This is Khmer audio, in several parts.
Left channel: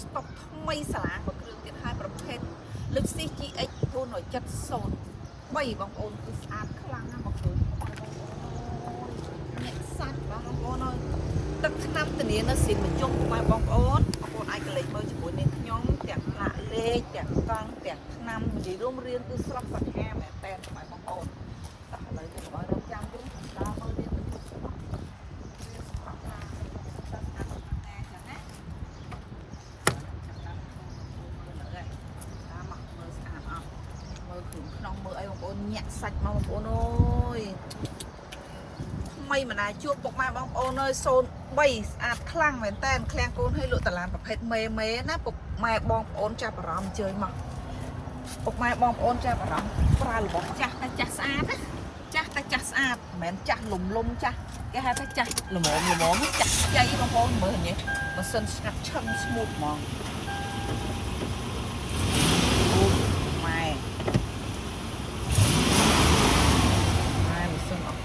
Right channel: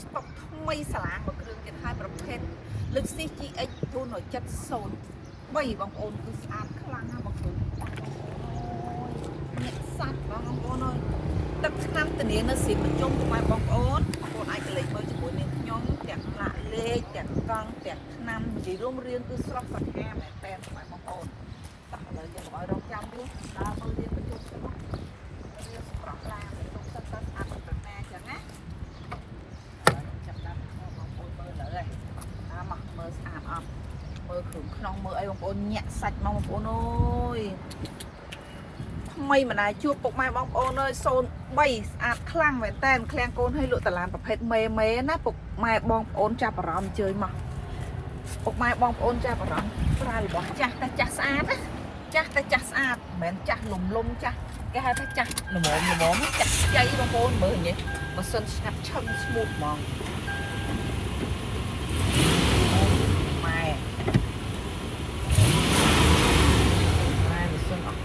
ស្តុកថ្មីសាឡាងមួយគ្រឿងទៀតហើយប្រភេទលឹកស៊ី GX 470 3បងប្អូនគឺស្អាតខ្លាំងណាស់មកឃើញបងប្អូនញាក់សាច់បងប្អូនអើយទឹកឆ្នាំធានានៅស៊ីនបញ្ជុំពុកម៉ែបងប្អូនអាចកលេចមើលជាមួយនាងខ្ញុំទាំងផ្លាកលេខទាំងកង់ទាំងឆ្នាំនិយាយរួមរៀនគឺស្រស់សាហាវមែនតើបងប្អូនដាក់លើយើងកុំឲ្យរងចាំយូរដើរមើលនាងបញ្ជុំទៅរៀនប្រកឡានខ្ញុំសិក្សាស្អាតប្រណាចឹងណាចាប់តាមបងប្អូនមើលលើហើយតាមមកមើលស្អាតអត់មើលគ្រឿងក្នុងមើលអីបងប្អូនញាក់សាច់មកបងប្អូនអើយថ្មីម្ដាយជួបពុកម៉ែបងប្អូនអើយ03ស្អាតខ្លាំងមែនតើឃ្លាំងកូនឲ្យលក់តឡានប្រភេទមេណាពុកម៉ែបងប្អូនចាប់អារម្មណ៍អញ្ជើញមកពុកម៉ែបងប្អូនចាប់អារម្មណ៍ប្រើរបស់ចាស់តែចាស់ស្អាតណាចាស់តែចាស់ស្អាតមិនមែនចាស់លំចាស់គេហៅថាចាស់ល្មមចាស់ខ្ចីបងប្អូនមើលញ៉េម៉ាស៊ីនស្ងាត់ឈឹងស្មូតហ្មង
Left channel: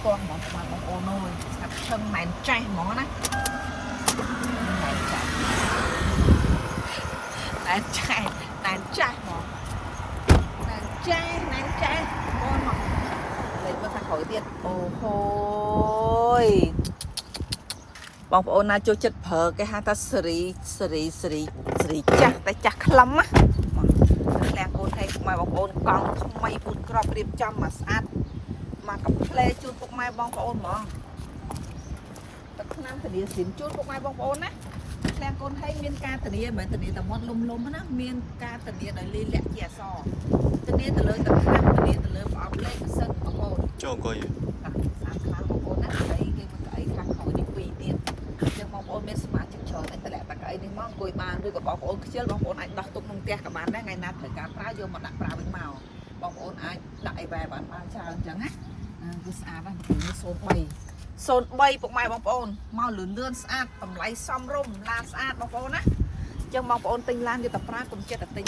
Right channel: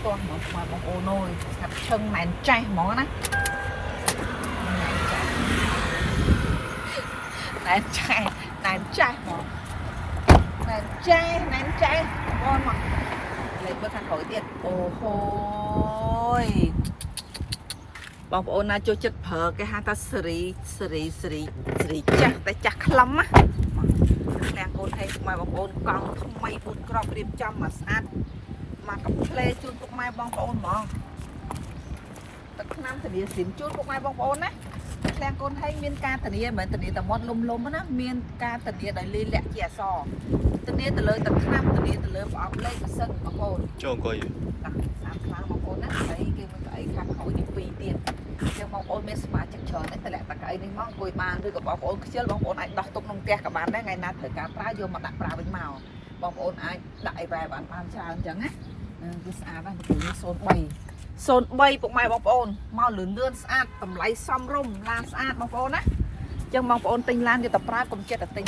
កោះបងប្អូនអើយស្ងាត់ឈឹងមែនចេះហ្មងណាមែនចេះហ្មងមែនចេះបងមកលើកមើលខាងក្រោយទៀតអូហូយបងប្អូនណាចូលចិត្តប្រើគេហៅថាសេរីចាស់តែចាស់ខ្លឹមណាតែកូនឲ្យបងប្អូនកង់ថ្មីពូតក្របរៀបចំមកស្អាតមកកំផ្លែជូនពុកម៉ែបងប្អូនហ្មងទឹកឆ្នាំធានាស៊ីនជូនពុកម៉ែបងប្អូនណាឃ្លាំងកូនឲ្យមានការធានាមិនមែនធានាតែមាត់លំណាមានការធានាដោយលីលាក់ជាអសធានាទៅលើទឹកឆ្នាំធានាទៅលើប្រអប់លេខម៉ាស៊ីនបងប្អូនចូលអង្គុយស្អាតខ្លាំងបងប្អូនណាហើយគេមកក្អីខាងក្រោយនេះ2ទៀតអញ្ចឹងបងប្អូនមានសមាជិកច្រើនតែតម្លាក់តាក្អីនេះមកអង្គុយបានឬក៏បងប្អូនខ្ជិលបងប្អូនអាចដោះទុកក្នុងផ្ទះក៏បានដែរថ្ងៃណាត្រូវការប្រើយកមកដាក់ប្រើវិញមកបងប្អូនអាចដាក់អីបែបបានច្រើនអញ្ចឹងណាគឺស្អាតណាស់មកនេះ03ពុកម៉ែបងប្អូនមកលឿនស្អាតតម្លៃសមរម្យឡានស្អាតបងប្អូនណាអញ្ចឹងបងប្អូនទិញឡានយកទៅប្រើកុំចិត្តតែទិ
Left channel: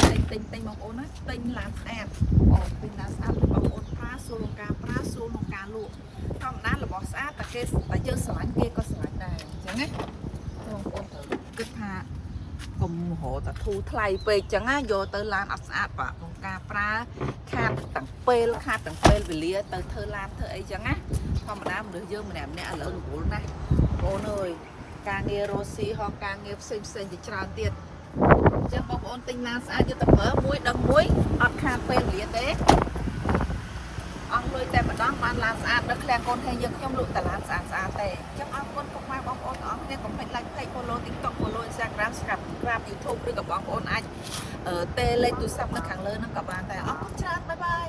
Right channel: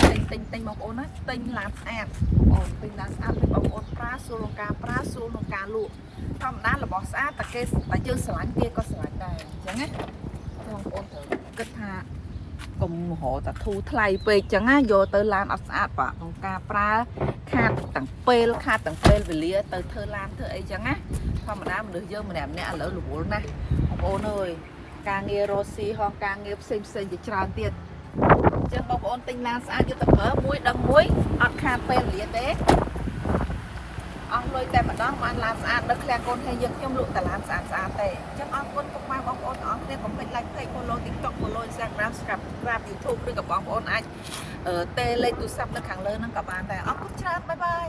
ញបងប្អូនណាទិញឡានស្អាតបងប្អូនទិញឡានស្អាតបងប្អូនប្រើស្រួលក្នុងការប្រើស្រួលក្នុងការលក់ធម្មតារបស់ស្អាតតែគេតែយើងស្រឡាញ់គេក៏ស្រឡាញ់ដែរអញ្ចឹងណាបងប្អូនត្រូវគិតថាកុំរកតែធូរថ្លៃពេកអញ្ចឹងណាយកទៅឡានអត់ស្អាតបាទក្នុងការប្រើខាតទាំងពេលវេលាទៅធ្វើឡានធ្វើអីចឹងណាធម្មតាមនុស្សយើងម្នាក់ឥឡូវរវល់ណាស់បងប្អូនអើយការងាររស់ស៊ីហោះការងារផ្សេងជាច្រើនទៀតអញ្ចឹងបងប្អូនទិញឡានស្អាតយកទៅប្រើមួយដឹងមួយអត់ខាតពេលវេលាទេអស់លុយតែម្ដងបានឡានស្អាតនៅឃ្លាំងកូនឲ្យយើងខ្ញុំលក់តែឡានស្អាតទេអញ្ចឹងអរគុណពុកម៉ែបងប្អូនទាំងអស់គ្នាកុំភ្លេច like page follow TikTok follow Instagram subscribe YouTube ឬក៏បងប្អូនអាចទេលេខទូរស័ព្ទនៅខាងលើហ្នឹងក៏បានដែរអរគុណច្រើនបាយបាយ